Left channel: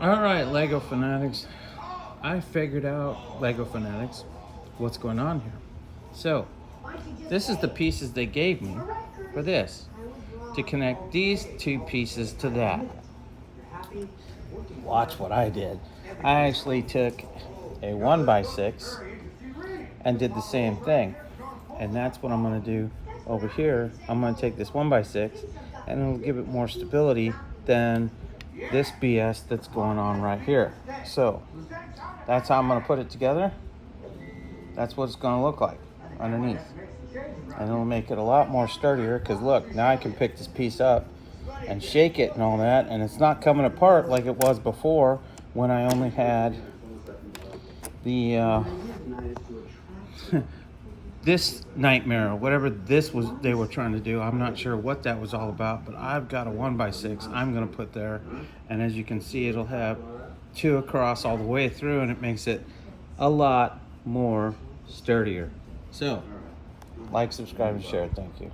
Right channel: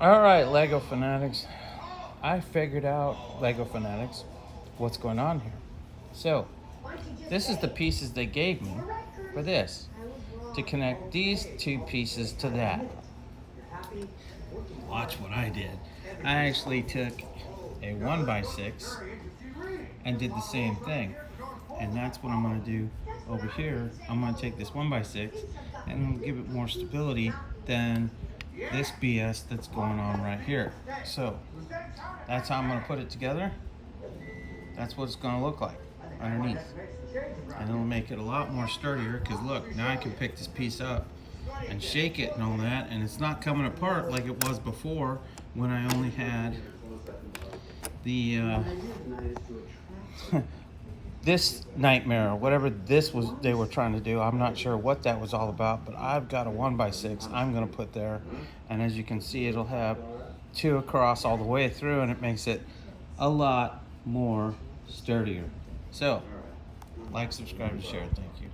All right, Lego fanatics. I figured out, Lego fanatics, what's going on here. So, this is the pieces they gave me for this to connect these two pieces to that. Watch what I did. I actually took a 1x6 and did the same thing. And that's what I'm going to do over here. I'm going to take this 1x6 and it'll give it more stability than this BS that's going on right here. So that's how I'm going to put it together. That's what it's going to look like underneath. And it'll make it a lot more sturdier because look, now I can pick this piece up and shake it and all that, and it's not coming apart like it was before when I only had the this nightmare or whatever this was they were trying to do. I'm not sure what that was all about, but I've got a 1x6 I'm going to put there, and as you can see, it'll have two across all the way through, and it makes it a lot more sturdier. So like, subscribe, and share. Thank you.